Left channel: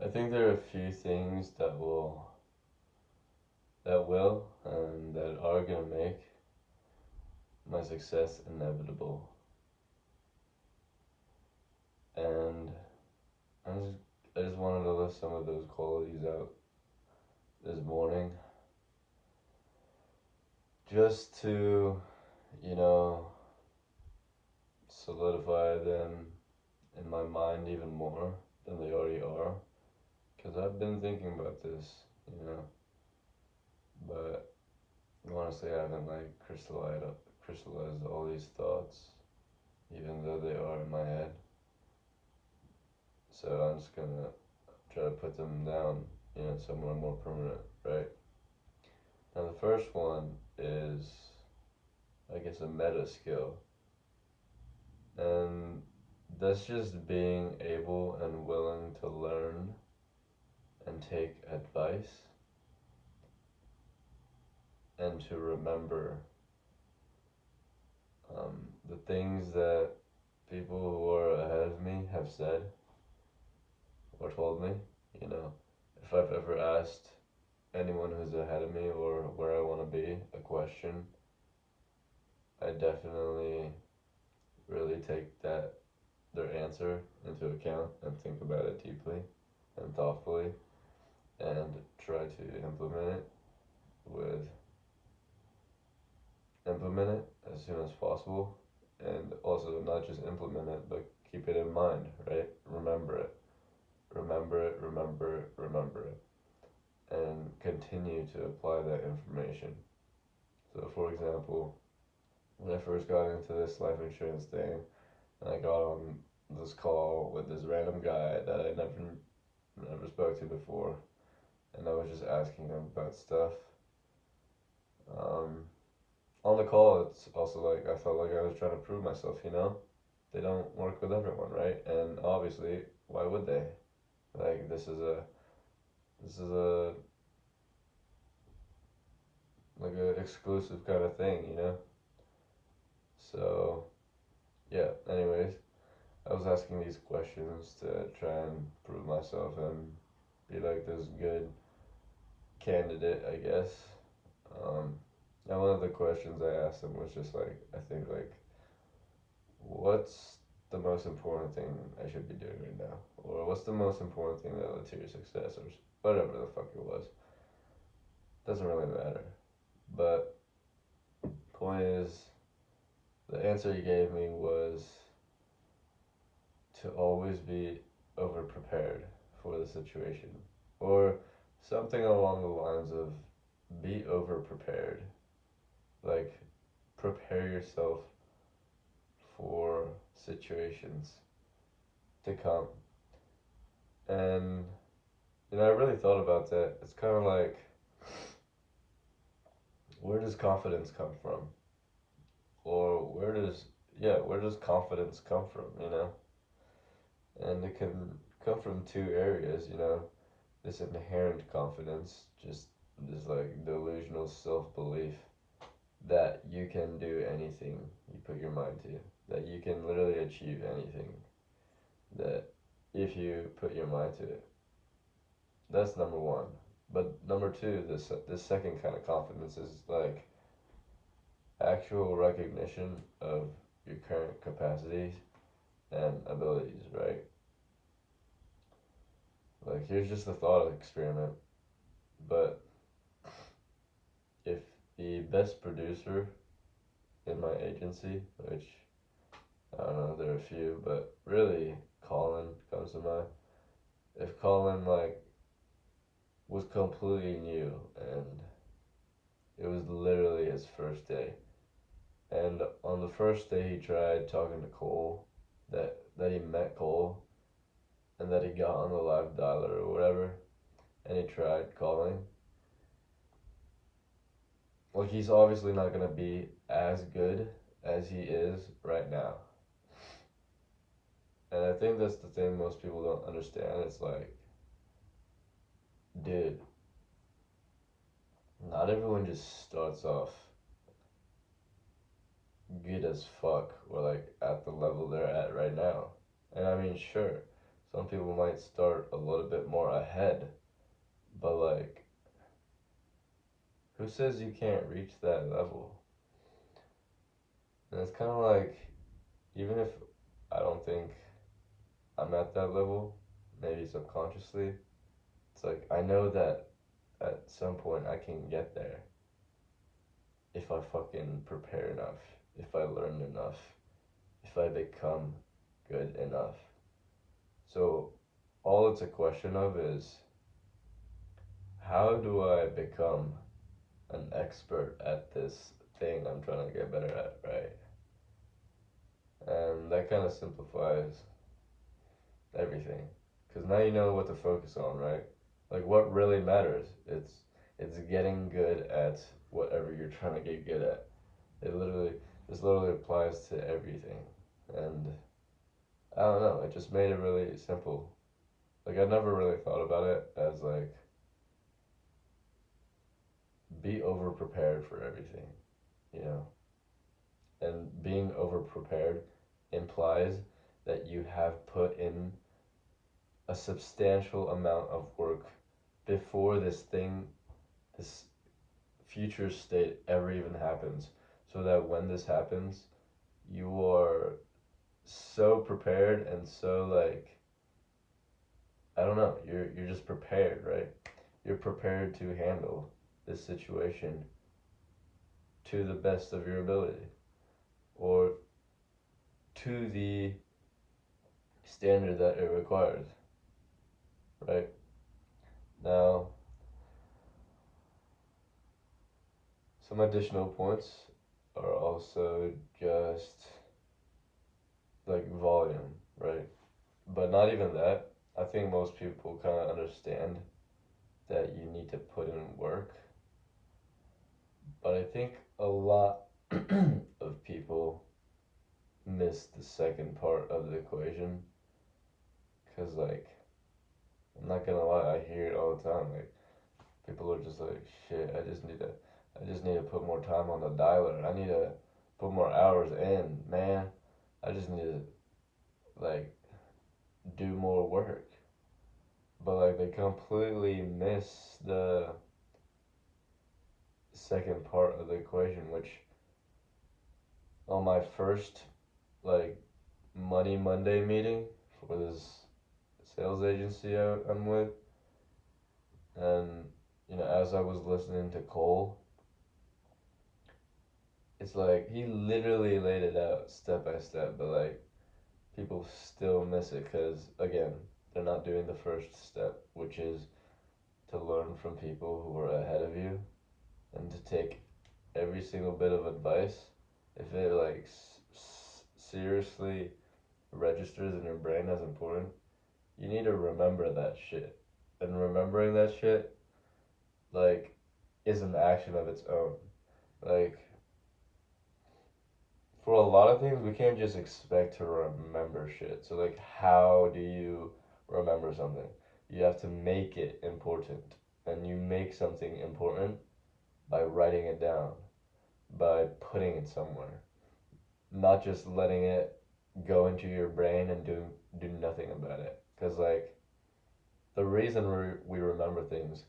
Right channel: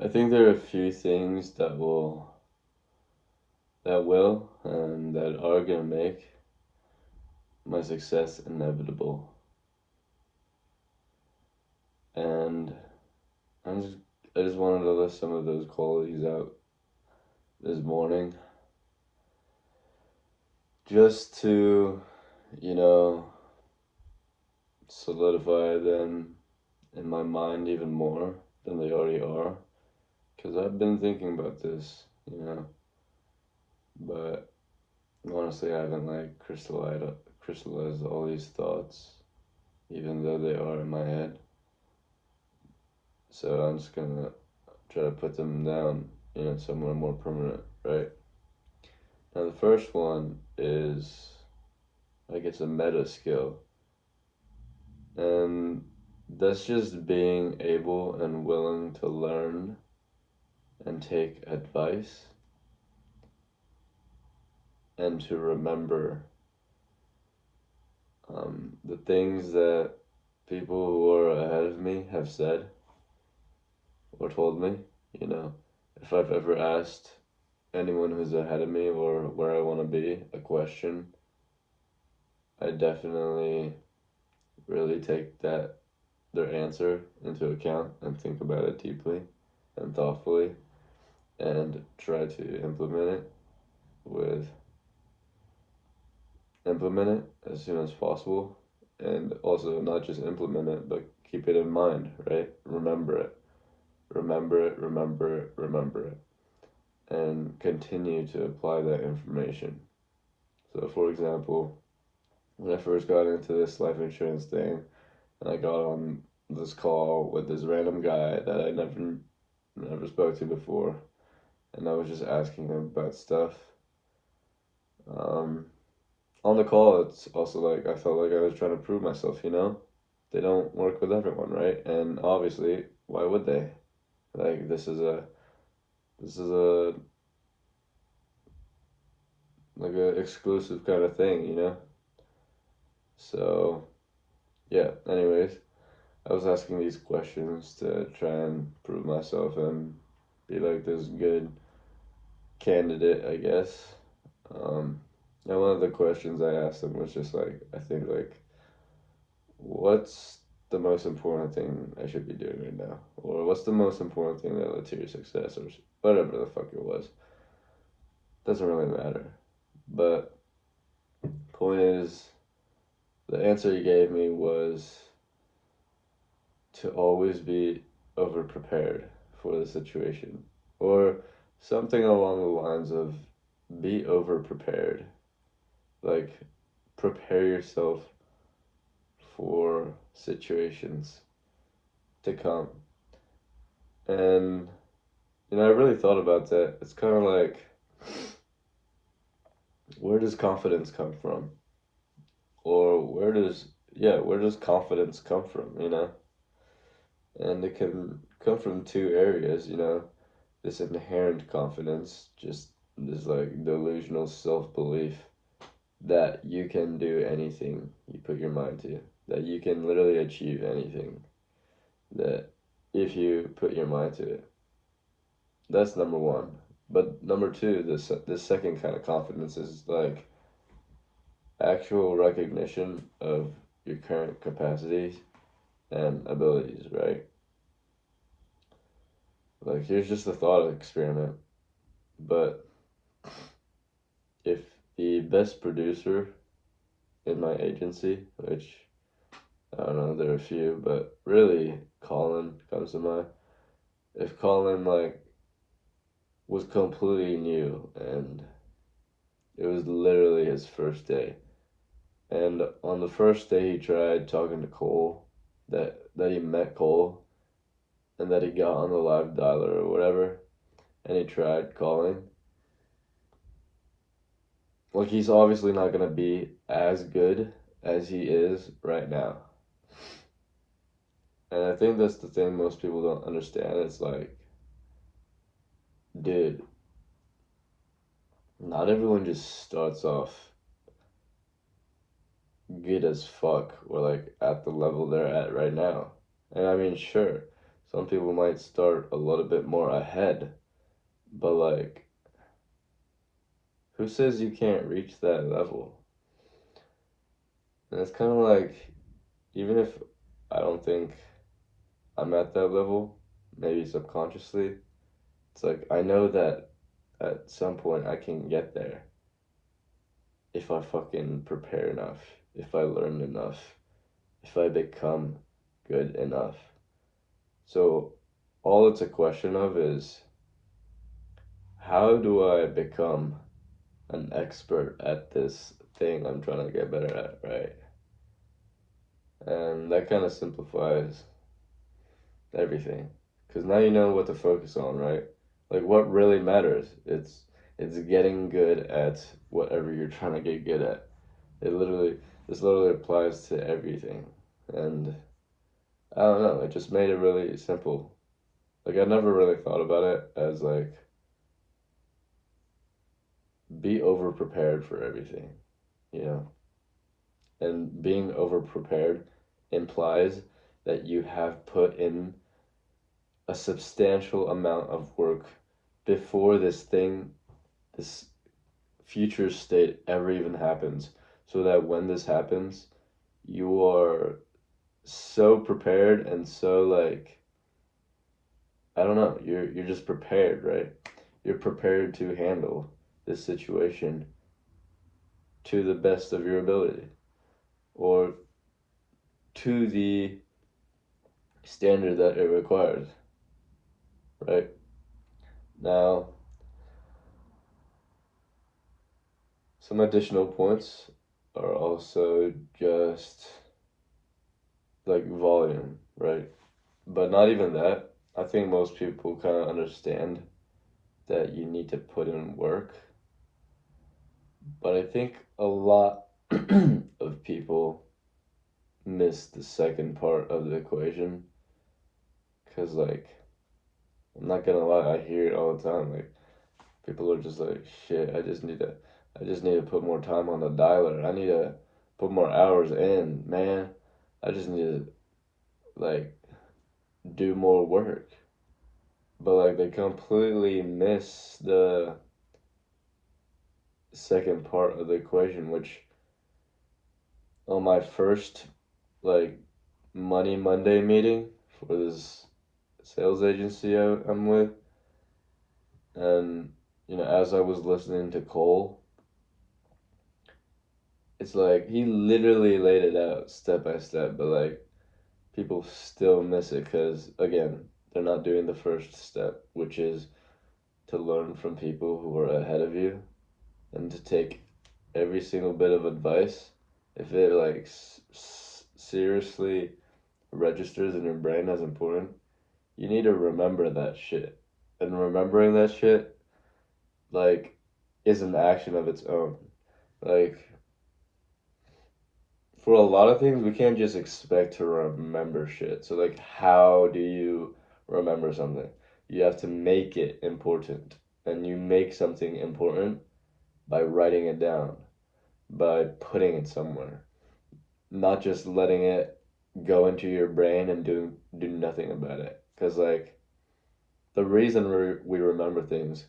I think there are a few things that will and that are gonna make my success inevitable. And I just I just wanted to list some of those qualities out this morning just to, you know, solidify them in my mind even more than they already are. Because I've been thinking about this, but honestly, I haven't like crystallized all these thoughts, even though they are in my head. So I'm just gonna try to put them down, somewhere more permanent, right? Now, the first one is like it's a meta skill, and that's just being able and willing to learn and take advice and to remember the things that people who are ahead of me have said or told me. You know, if I've ever asked anyone who's ahead of me or where I want to be a question, I definitely really take their answer into account and think about it deeply and thoughtfully and try to with implement it as soon as possible, and also not just implement it but keep it in mind, right? Remember it, and continue to apply that information. So, for example, when I first got into this life insurance thing, and I got on this call with this random guy that I never spoke to before, and I was just asking him about stuff. Um, on the call, it's also like I felt like I was trying to prove myself. They don't work with everyone, right? And obviously, why would they? Like this is a like a exclusive kind of thing. So yeah. Anyways, I was asking these questions to try and prove myself and be like this good candidate, I guess. Um, and one of the questions I asked him was just like, I think like, what's the most important thing I should be doing right now, or what's the most important thing that led to your success, or whatever the fuck it was. Doesn't really matter. But point is, the answer he gave me was to always be over prepared for the situation, or something along the lines of be over prepared. Like, prepare yourself for situations to come. And, I really thought about that. It's kind of like, where does confidence come from? Or where does confidence come from, And it can come from two areas, this inherent confidence, just this like delusional self belief that you can do anything you put your mind to, that you can literally achieve anything, that if you put your mind to it. That's number one. But number two, this second kind of confidence is like actual recognition of your current capacities and abilities, right? Like, here's just a thought experiment. But if the best producer in my agency, which I don't know, there are a few, but really Colin comes to mind. If Colin like was completely new and it was literally his first day, and on the first day he tried talking to Cole, that he met Cole, and that he got on the live dialer or whatever, and he tried calling. Like, he's obviously not gonna be as good as he is right now. And I think that's the thing most people don't understand. It's like, dude, not everyone just starts off good as fuck or like at the level they're at right now. And I mean, sure, Some people might start a little bit more ahead, but like, who says you can't reach that level? And it's kind of like, even if I don't think I'm at that level, maybe subconsciously, it's like I know that at some point I can get there if I fucking prepare enough, if I learn enough, if I become good enough. So all it's a question of is, how do I become an expert at this thing I'm trying to get better at, right? And that kind of simplifies everything, because now you know what to focus on, right? Like what really matters. It's getting good at whatever you're trying to get good at. It literally this literally applies to everything, and I don't know. It just made it really simple. Like I never really thought about it as like be over prepared for everything, you know. And being over prepared implies that you have put in a substantial amount of work before this future state ever even happens, so that when this happens, you are so prepared and so like, I don't know, you're just prepared, right? You're prepared to handle this situation to the best of your ability, or to the standard that it requires, right? Now, some additional points are also just like volume, right? But not even that. I think most people kind of understand that you need to put in work. But I think a lot of people miss the second part of the equation. Because, like, I'm not gonna lie, I hear it all the time. Like, people are just like, shit, I just need to put more time on the dialer. I need to put more hours in, man. I just need to, like, do more work. But, like, they completely miss the second part of the equation, which on my first like Money Monday meeting for this sales agency I'm with, and as I was listening to Cole, it's like he literally laid it out step by step, but like people still miss it because again they're not doing the first step, which is to learn from people who are ahead of you and to take every single bit of advice if it like seriously registers in your brain as important, you need to remember that shit. And remembering that shit, like, is an action of its own. Like, for a lot of things, we can't just expect to remember shit. So, like, how do you remember something? You have to make it important. And you make something important by writing it down, by putting it somewhere, not just letting it go into your brain and do nothing about it. Because, like, the reason we remember things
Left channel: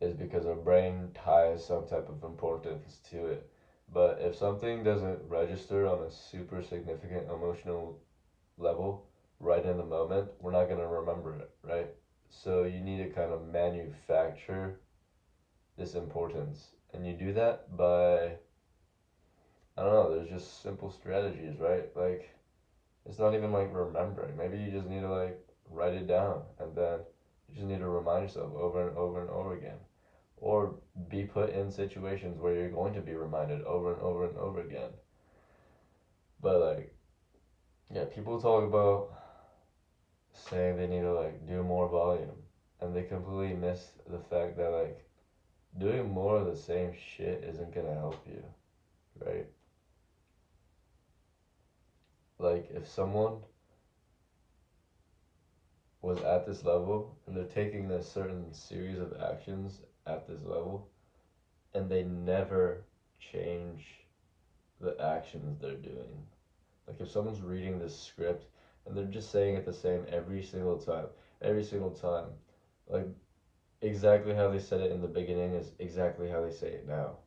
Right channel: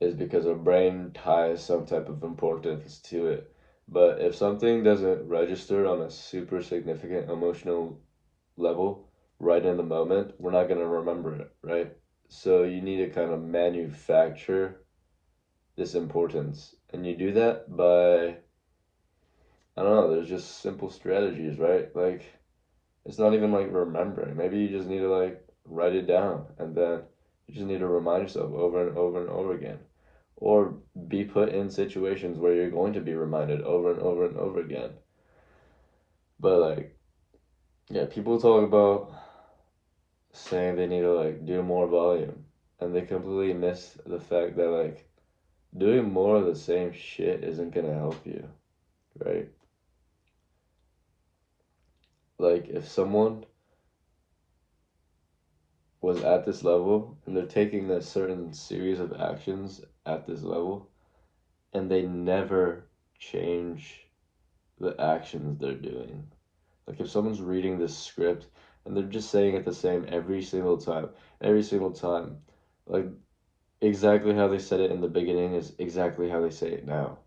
is because our brain ties some type of importance to it. But if something doesn't register on a super significant emotional level right in the moment, we're not going to remember it, right? So you need to kind of manufacture this importance. And you do that by, I don't know, there's just simple strategies, right? Like, it's not even like remembering. Maybe you just need to like write it down and then you just need to remind yourself over and over and over again. Or be put in situations where you're going to be reminded over and over and over again. But like, yeah, people talk about saying they need to like do more volume, and they completely miss the fact that like doing more of the same shit isn't gonna help you, right? Like if someone was at this level and they're taking a certain series of actions at this level and they never change the actions they're doing. Like if someone's reading this script and they're just saying it the same every single time. Like exactly how they said it in the beginning is exactly how they say it now.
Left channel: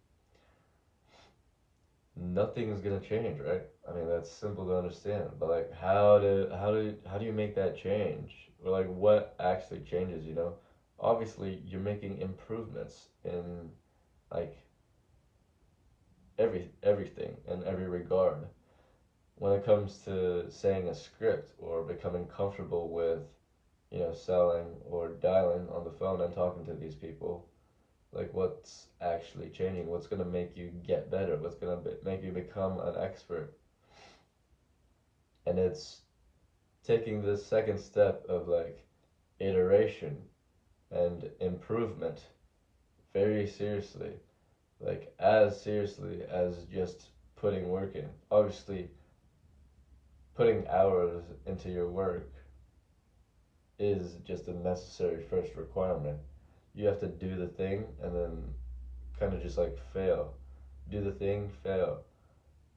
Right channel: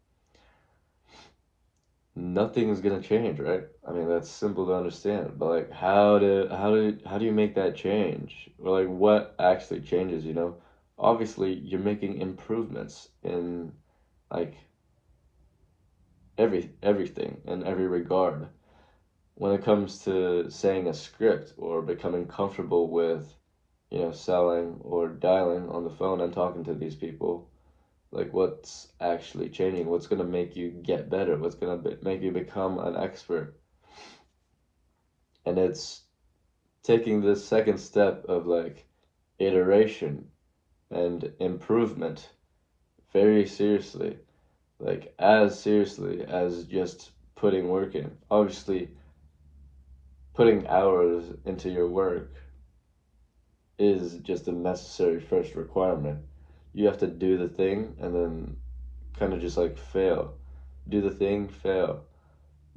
Nothing is gonna change, right? I mean, that's simple to understand, but like, how do you make that change? Or like, what actually changes? You know, obviously, you're making improvements in like everything in every regard. When it comes to saying a script or becoming comfortable with, you know, selling or dialing on the phone and talking to these people, like what's actually changing? What's gonna make you get better? What's gonna make you become an expert? And it's taking the second step of like iteration and improvement very seriously, like as seriously as just putting work in. Obviously, putting hours into your work is just a necessary first requirement. You have to do the thing and then kind of just like fail. Do the thing, fail.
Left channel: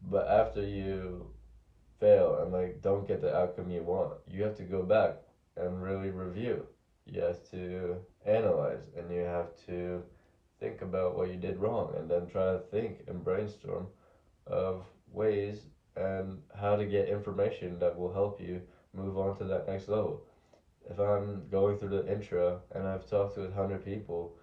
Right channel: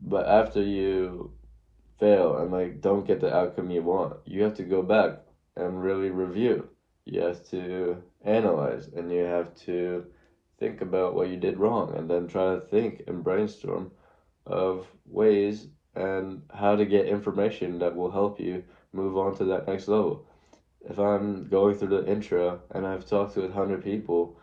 But after you fail and like don't get the outcome you want, you have to go back and really review. You have to analyze and you have to think about what you did wrong and then try to think and brainstorm of ways and how to get information that will help you move on to that next level. If I'm going through the intro and I've talked to 100 people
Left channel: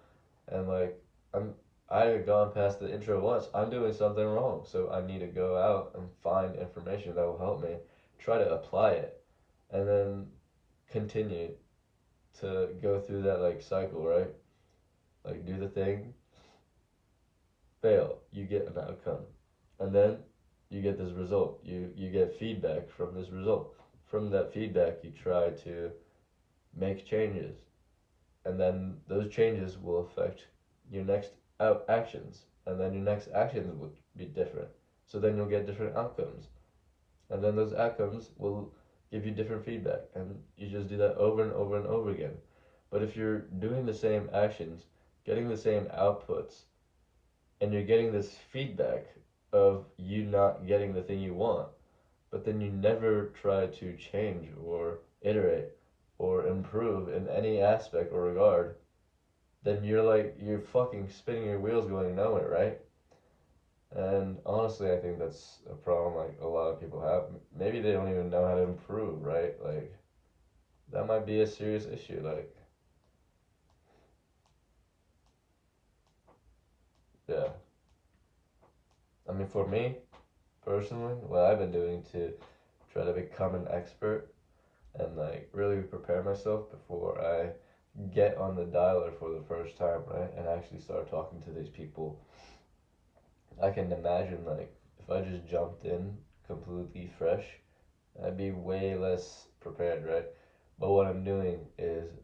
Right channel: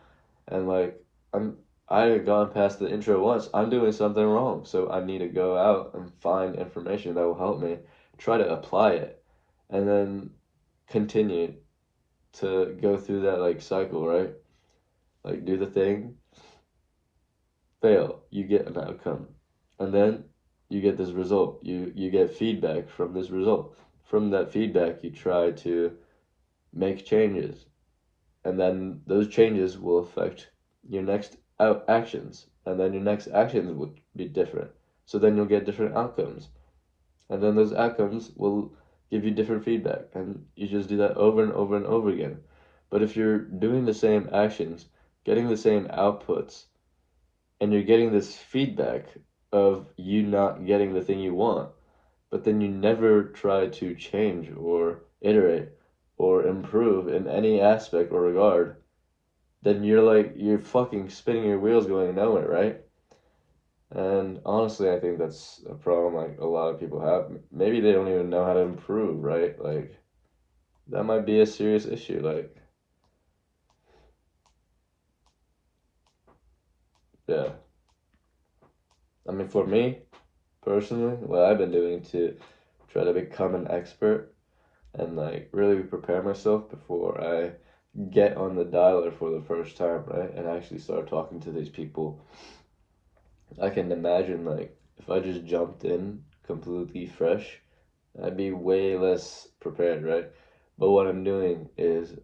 and like I'm I haven't gone past the intro once, I'm doing something wrong. So I need to go out and find information that will help me, try to apply it, and then continue to go through that like cycle, right? Like do the thing, fail, you get an outcome. And then you get this result. You get feedback from this result. From that feedback you try to make changes. And then those changes will affect your next actions, and then your next actions would be different, so then you'll get different outcomes, and then those outcomes will give you different feedback, and you just do that over and over and over again. But if you're doing the same actions, getting the same outputs, and you're getting this feedback of you not getting the thing you want, but then you never try to change or iterate or improve in any aspect or regard, then you're fucking spinning your wheels going nowhere, right? And honestly, I think that's a problem like a lot of people have. Maybe they don't even know how to improve, right? Like that might be a serious issue. Like, yeah. I mean, for me personally, what I've been doing to try to become an expert and like really prepare myself before I get on the dialer for the first time, right? And actually start talking to these people. I can imagine like if I just jumped in completely fresh, I'd be way less prepared, right? But what I'm doing is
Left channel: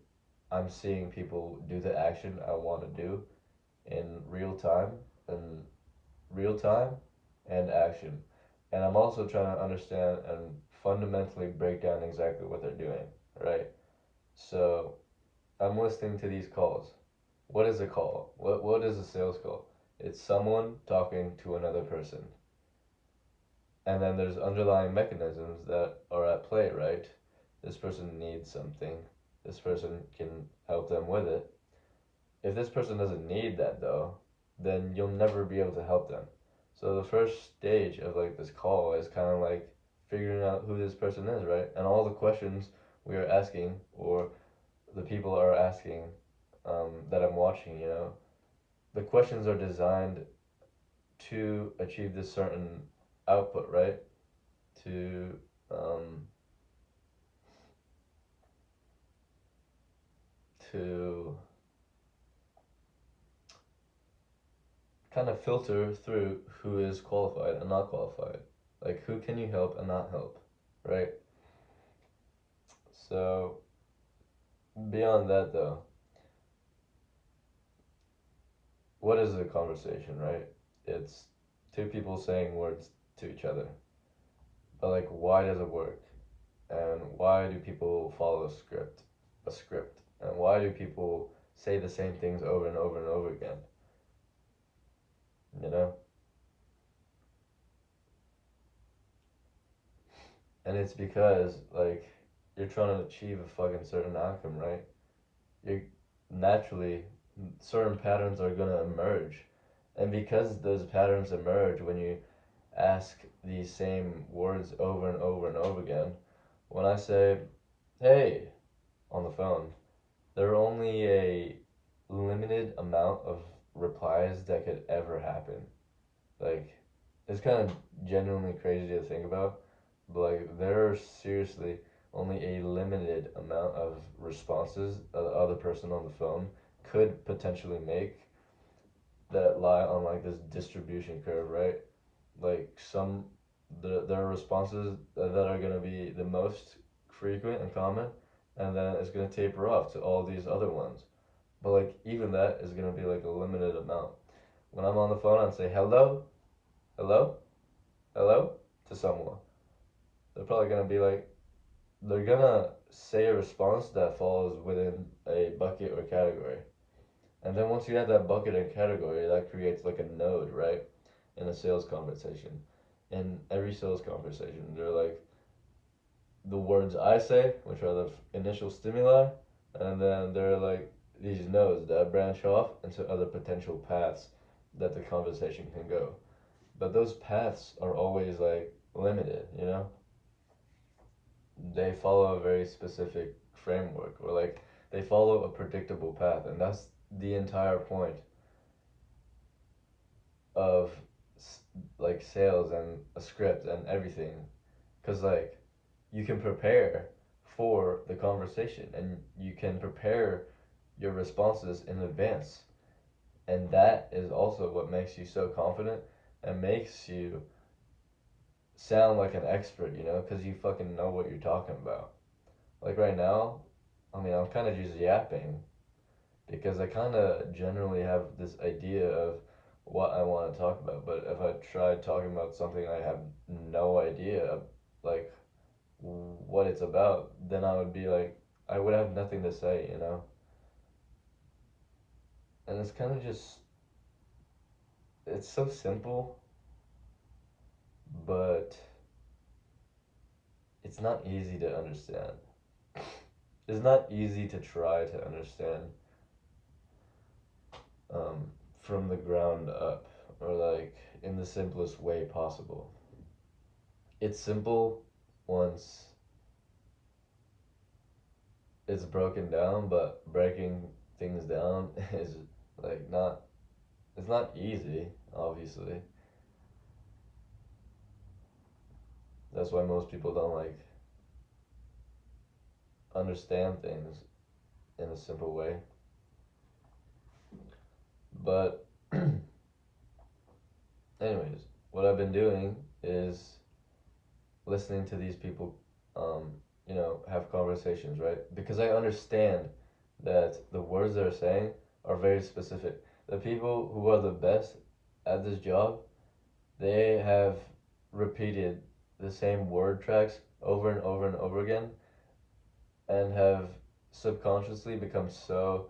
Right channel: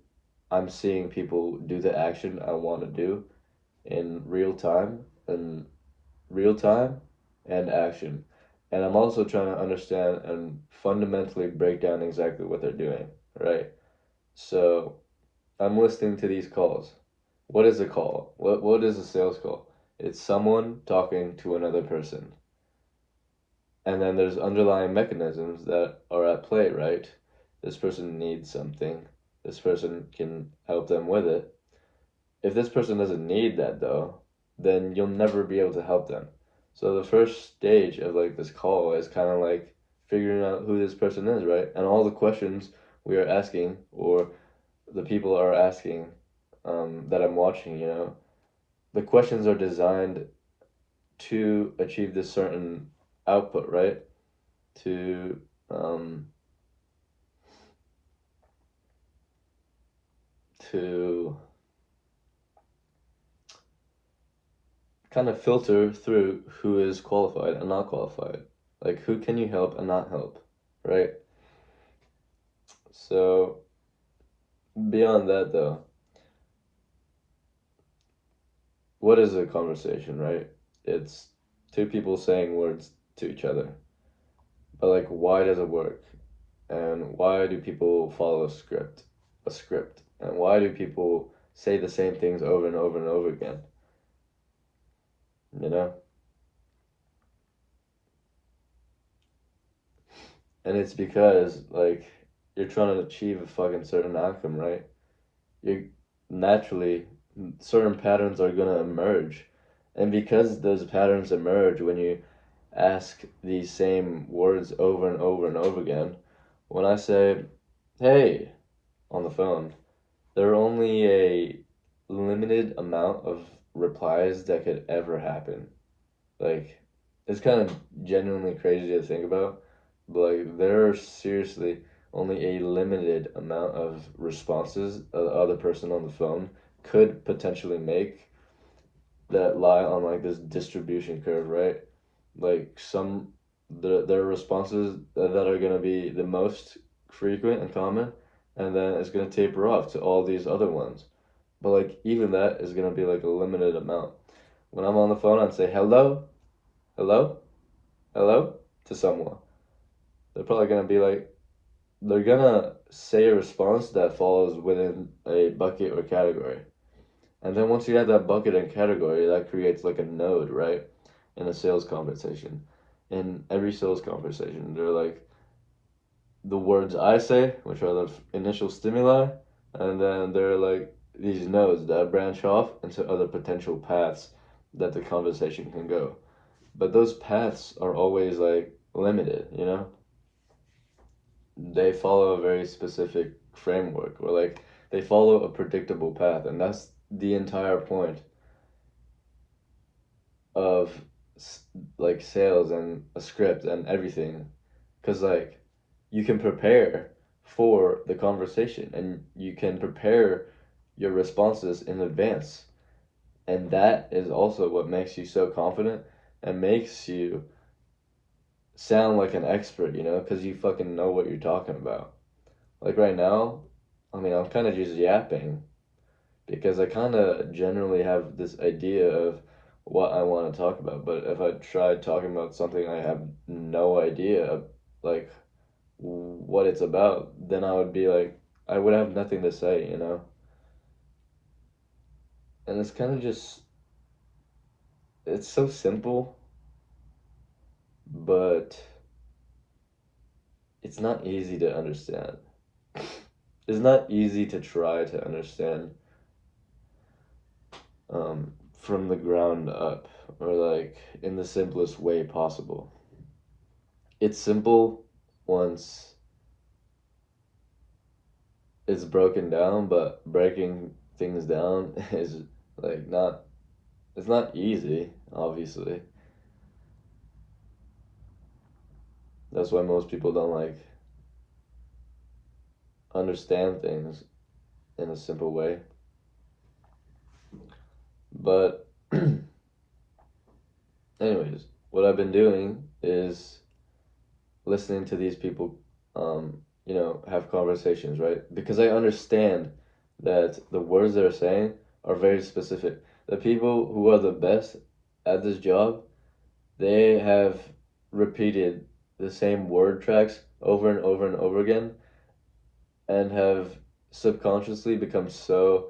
I'm seeing people do the action I want to do in and real time and action. And I'm also trying to understand and fundamentally break down exactly what they're doing, right? So I'm listening to these calls. What is a call? What is a sales call? It's someone talking to another person. And then there's underlying mechanisms that are at play, right? This person needs something. This person can help them with it. If this person doesn't need that though, then you'll never be able to help them. So the first stage of like this call is kind of like figuring out who this person is, right? And all the questions we are asking or the people are asking that I'm watching, you know, the questions are designed to achieve this certain output, right? To um, to kind of filter through who is qualified and not qualified. Like who can you help and not help, right? So beyond that though, what is a conversation, right? It's two people saying words to each other. But like why does it work? And why do people follow a script? And why do people say the same things over and over and over again? You know? And it's because, like, you're trying to achieve a fucking certain outcome, right? You naturally, certain patterns are gonna emerge. And because those patterns emerge when you ask these same words over and over and over again, when I say, hey, on the phone, there are only a limited amount of replies that could ever happen. Like, it's kind of genuinely crazy to think about, but like, there are seriously only a limited amount of responses the other person on the phone could potentially make that lie on like this distribution curve, right? Like, there are responses that are gonna be the most frequent and common, and then it's gonna taper off to all these other ones. But like, even that is gonna be like a limited amount. When I'm on the phone, I'd say hello, hello, hello to someone. They're probably gonna be like, they're gonna say a response that falls within a bucket or category. And then once you have that bucket and category, that creates like a node, right? In a sales conversation. In every sales conversation, they're like the words I say, which are the initial stimuli, and then they're like these nodes that branch off into other potential paths that the conversation can go. But those paths are always like limited, you know? They follow a very specific framework, or like they follow a predictable path, and that's the entire point of like sales and a script and everything, because like you can prepare for the conversation and you can prepare your responses in advance, and that is also what makes you so confident and makes you sound like an expert, you know, because you fucking know what you're talking about. Like right now, I mean, I'm kind of just yapping because I kind of generally have this idea of what I want to talk about. But if I tried talking about something I have no idea, like what it's about, then I would be like, I would have nothing to say, you know? And it's kind of just, it's so simple, but it's not easy to understand. It's not easy to try to understand um, from the ground up or like in the simplest way possible. It's simple once it's broken down, but breaking things down is like not, it's not easy, obviously. That's why most people don't like understand things in a simple way. But anyways, what I've been doing is listening to these people, you know, have conversations, right? Because I understand that the words they're saying are very specific. The people who are the best at this job, they have repeated the same word tracks over and over and over again and have subconsciously become so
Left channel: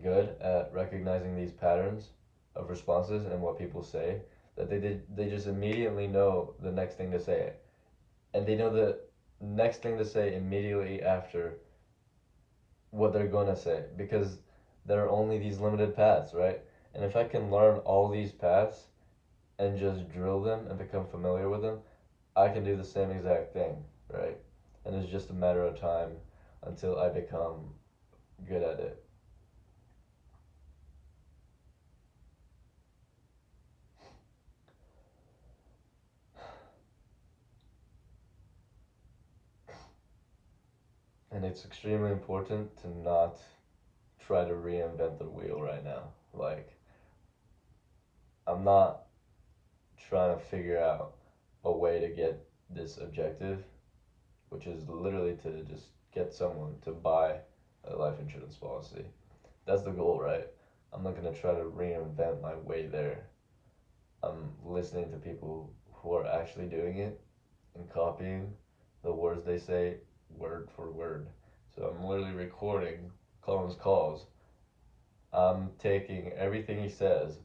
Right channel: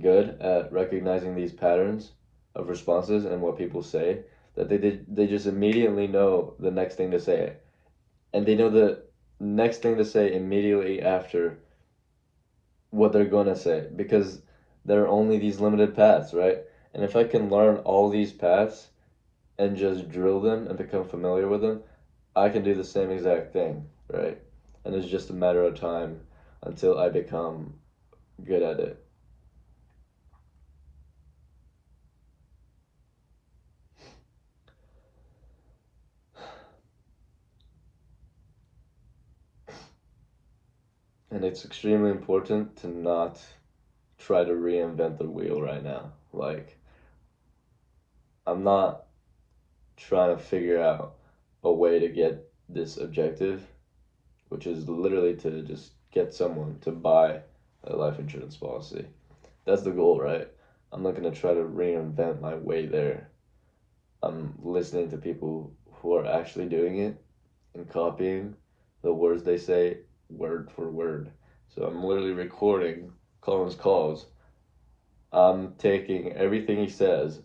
good at recognizing these patterns of responses and what people say that they just immediately know the next thing to say, and they know the next thing to say immediately after what they're going to say, because there are only these limited paths, right? And if I can learn all these paths and just drill them and become familiar with them, I can do the same exact thing, right? And it's just a matter of time until I become good at it. And it's extremely important to not try to reinvent the wheel right now. Like, I'm not trying to figure out a way to get this objective, which is literally to just get someone to buy a life insurance policy. That's the goal, right? I'm not going to try to reinvent my way there. I'm listening to people who are actually doing it and copying the words they say word for word. So I'm literally recording Colin's calls. I'm taking everything he says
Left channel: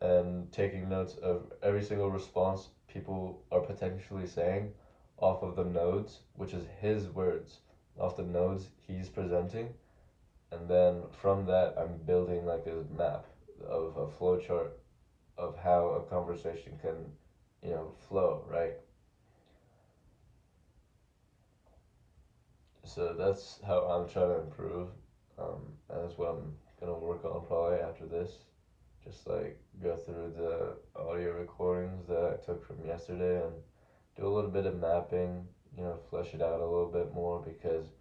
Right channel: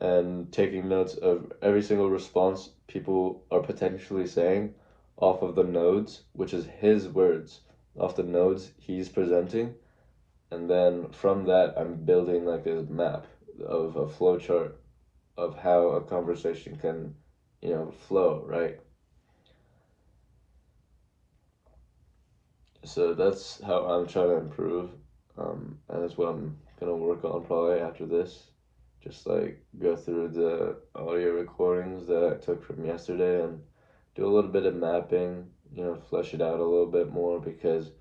and taking notes of every single response people are potentially saying off of the nodes, which is his words, off the nodes he's presenting, and then from that I'm building like a map of a flow chart of how a conversation can, flow, right? So that's how I'm trying to improve, and that's what I'm gonna work on probably after this. Just like go through the audio recordings that I took from yesterday and do a little bit of mapping, flesh it out a little bit more because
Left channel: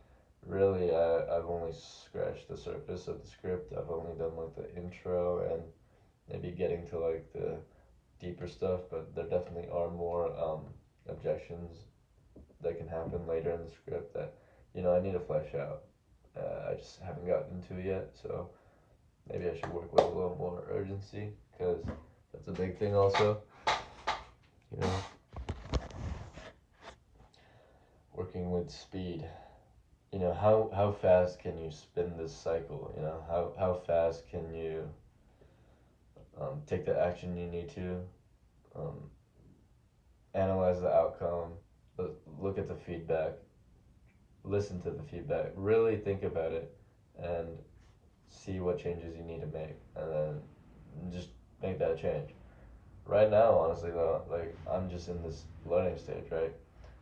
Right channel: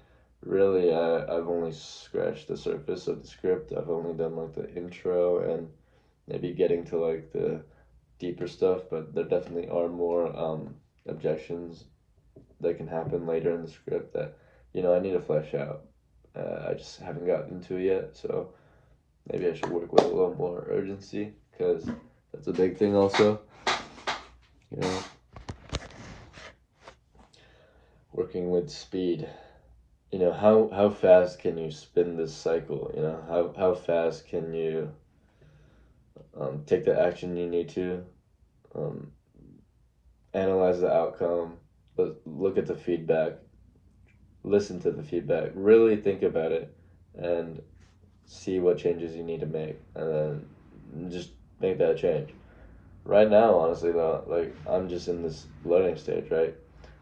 really I've only scratched the surface of the script. I've only done like the intro and maybe getting to like the deeper stuff, but there definitely are more objections that can happen later in the script that I need to flesh out. I just haven't gotten into it yet, so maybe I should work with a little more urgency because that's a big thing also. You know, working with speed. How fast can you spin this cycle? How fast can you take the action you need to, um, analyze the outcome, look at the feedback, listen to the feedback, really think about it, and see what changes you need to make, and then just make that change. Right now, honestly, though, like I'm just in this learning stage, right?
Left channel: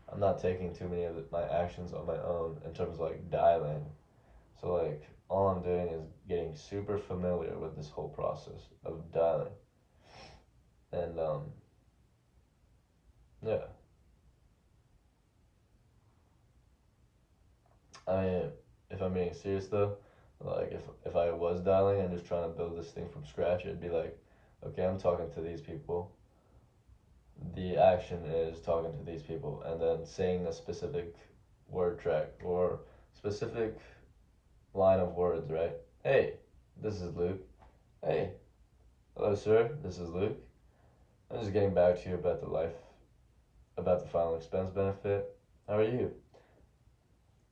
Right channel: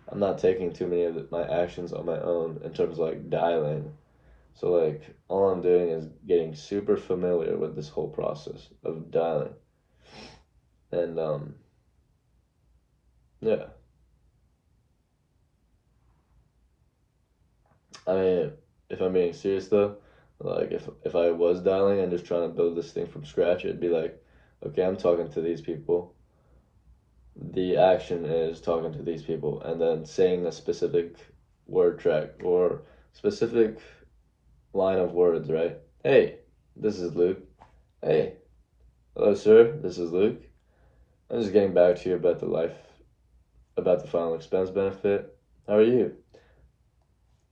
I'm not taking too many of my actions on my own in terms of like dialing. So like all I'm doing is getting super familiar with this whole process of dialing, and yeah. I mean, if I'm being serious though, like if I was dialing and just trying to build this thing from scratch, it'd be like, okay, I'm talking to these people. The action is talking to these people and then saying a specific word track or specific line of words, right? Hey, this is Luke. Hey, hello, sir. This is Luke. I'm just getting back to you about the final expense benefit. How are you?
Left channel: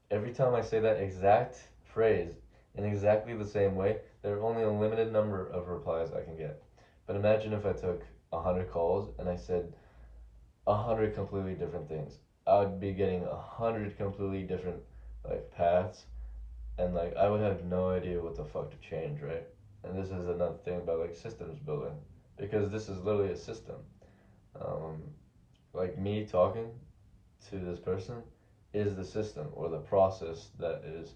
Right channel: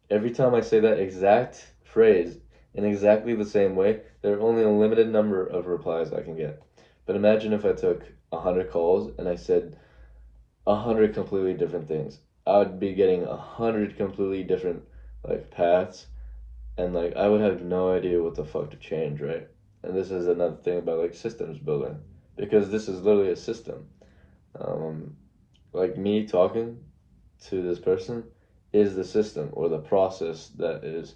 Every time I say that exact phrase in exactly the same way, there are only a limited number of replies I can get. But imagine if I took 100 calls and I said 100 completely different things. I would be getting 100 completely different like paths, and like I would have no idea what the fuck to change, right? And this is another thing about like systems building, because this is literally a system. Um, like me talking to this person is the system or the process that is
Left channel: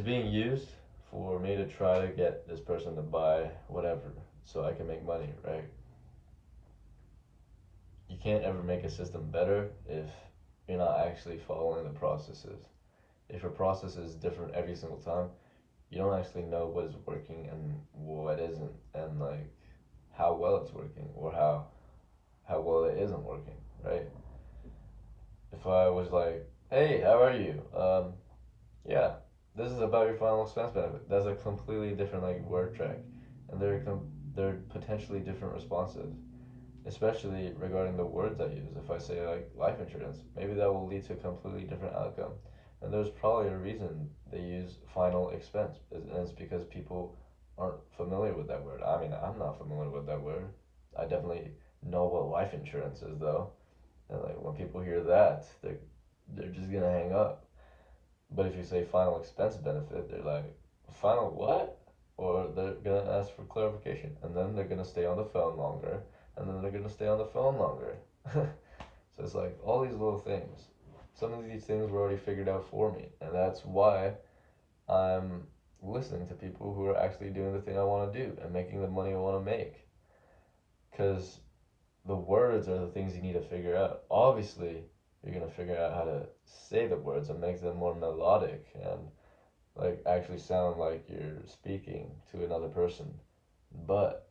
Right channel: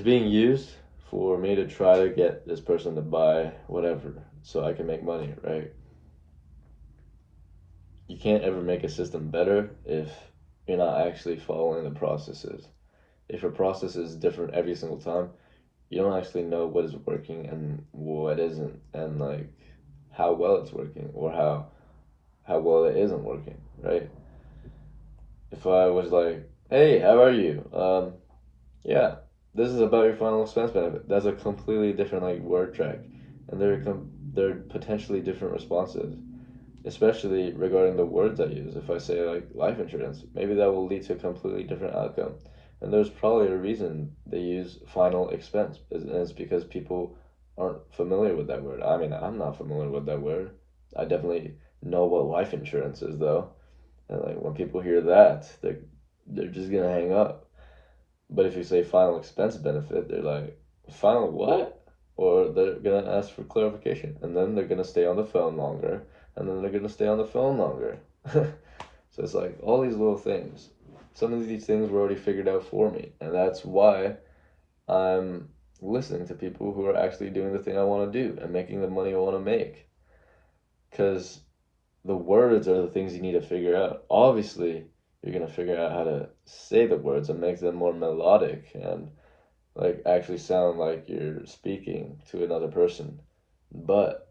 being used for me to try to get this person to buy whatever so I can make money, right? You can't ever make a system better if you're not actually following the processes. If a process is different every single time, you don't actually know what is working and what isn't, and like how well it's working or how well it isn't working, right? If I was like, "Hey, how are you? Yeah, this is about your final expense benefit." That's a completely different like word track, and they're potentially different responses, especially regarding the words I use. If I say like life insurance, maybe that will lead to a completely different outcome. And there's probably a reason they use final expense, and it's because people aren't familiar with that word. I mean, I'm not familiar with that word. I definitely know what life insurance is though, and like when people hear that, they're just gonna hang up. But if you say final expense benefit, they're like, final what? Or they're gonna ask for clarification, and then they're gonna stay on the phone longer, and then they're gonna stay on the phone longer. So it's like all these little things. Some of these things were already figured out for me, and that's why I'm listening to people who are actually doing the thing I want to do and making the money I want to make. Because the words are the things you need to figure out. Obviously, you're gonna figure out how to say the words and make them more melodic and like actually sound like you're speaking to another person. But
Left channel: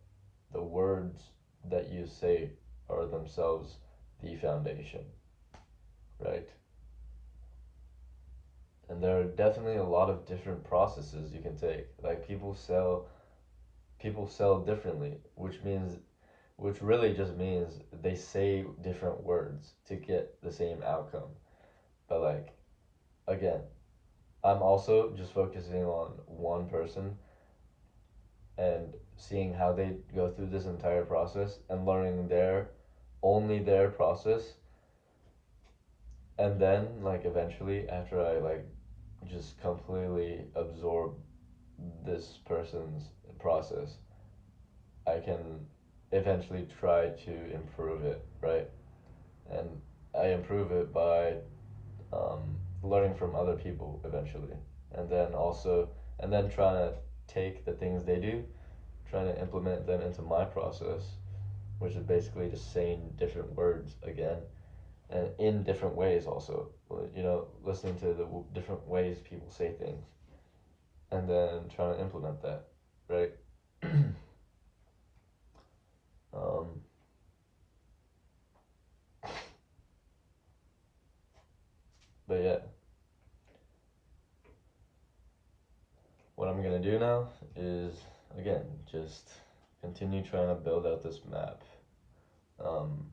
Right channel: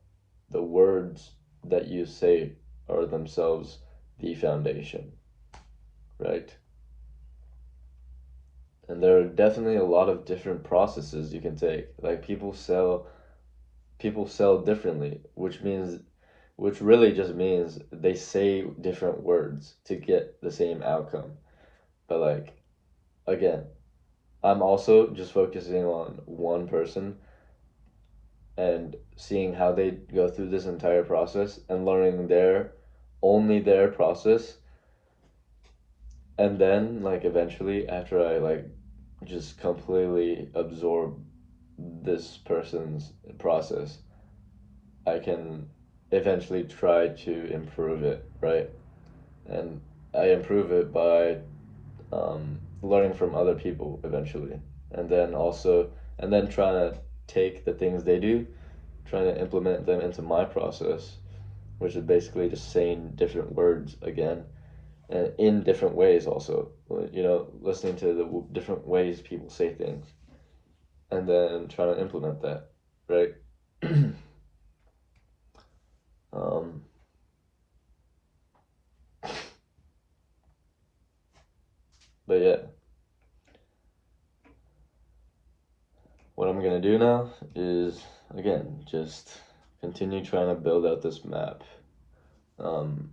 the words that you say are themselves the foundation, right? And there are definitely a lot of different processes you can take. Like people sell differently, which really just means they say different words to get the same outcome. But like again, I'm also just focusing on one person and seeing how they go through this entire process and learning their only their process, and then like eventually after I like just completely absorb this person's process, I can eventually try to improve it, right? And I improve it by learning from other people eventually, and then also, and then trying to take the things they do, trying to implement them into my process, which is basically just saying different words again, and in different ways also. Listening to the different ways people say things, and then trying to implement that, right? um, but yeah, what I'm gonna do now is again just continue trying to build out this map. Um,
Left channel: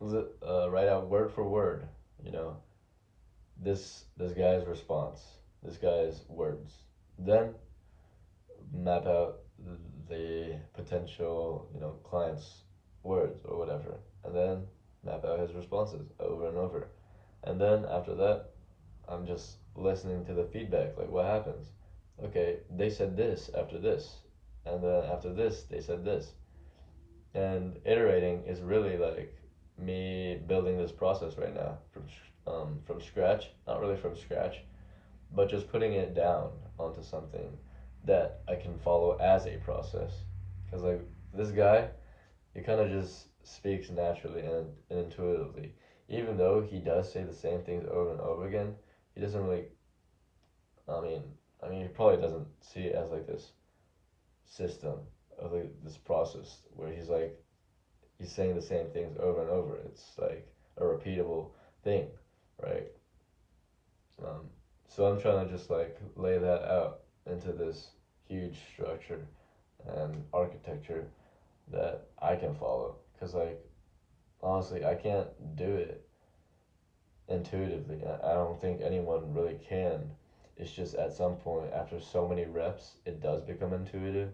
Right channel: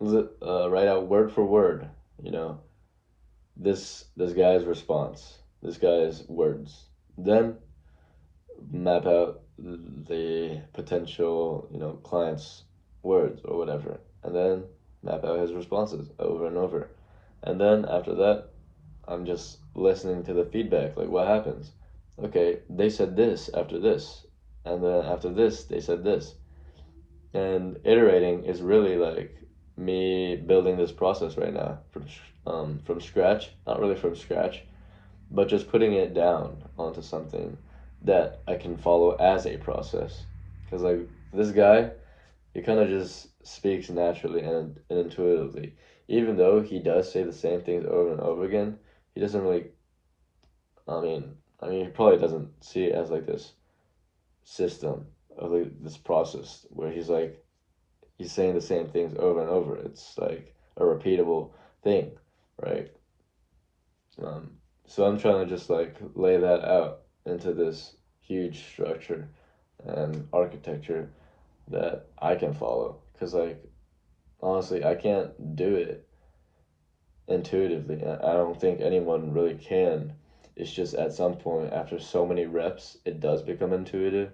write out word for word, you know, this guy's response, this guy's words. Then map out the potential, client's words or whatever, and then map out his responses over and over. And then after that, I'm just listening to the feedback, like what happens. Okay, they said this after this, and then after this, they said this. And iterating is really like me building this process right now from scratch, not really from scratch, but just putting it down onto something that I can follow as a process. Because like this guy, he kind of just speaks naturally and intuitively. Even though he does say the same things over and over again, he doesn't really. I mean, he probably doesn't see it as like this system of like this process where he's saying the same things over and over. It's like a repeatable thing, right? Um, so I'm trying to just like lay that out into this huge structure and architecture that I can follow. Because, like, honestly, I can't do it intuitively. I don't think anyone really can. It's just at some point, after so many reps, it does become intuitive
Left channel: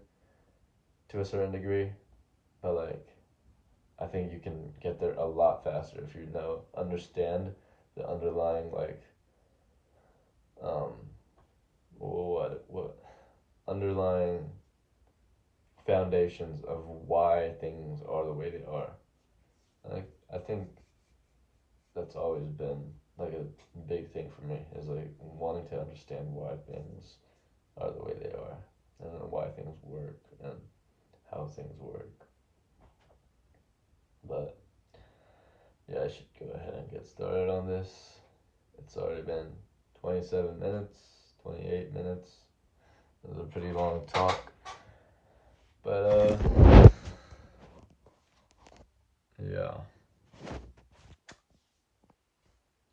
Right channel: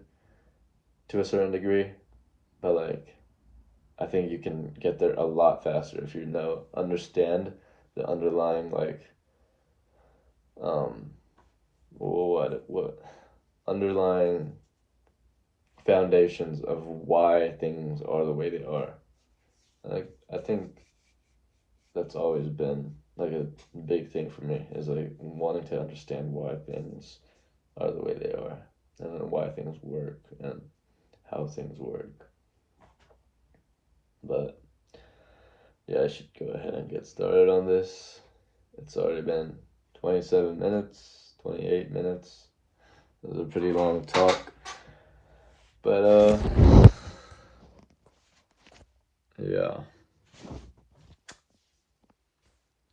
to a certain degree. But, like, I think you can get there a lot faster if you understand the underlying, like, um, what underlying foundations of why things are the way they are. I think that's always been like a big thing for me is like wanting to understand why things are the way they are and why things work and how things work. But yeah, I should go ahead and get started on this. It's already been 27 minutes, 28 minutes. It was a pretty long talk. But yeah.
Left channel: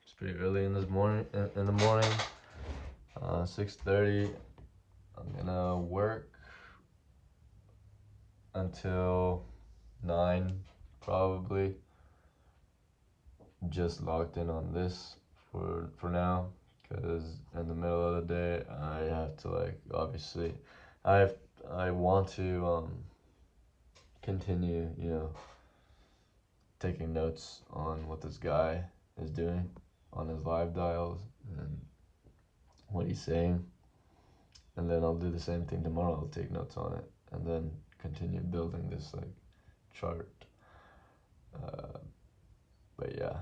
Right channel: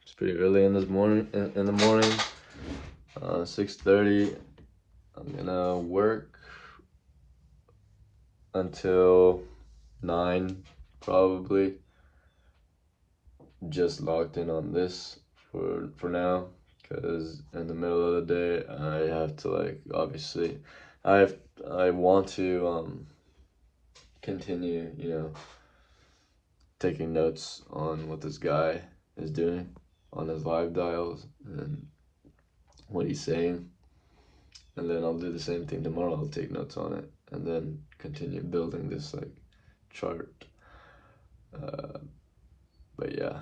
It's pretty early in this morning in the morning. 6:30. I'm gonna work until 9 probably. Just locked in on this for now because in the middle of the day I have to like obviously I want to continue, taking notes on what this guy is doing on his live dials and what he's saying, and then I'll do the same thing tomorrow. I'll take notes on it and then continue building this like chart. But yeah,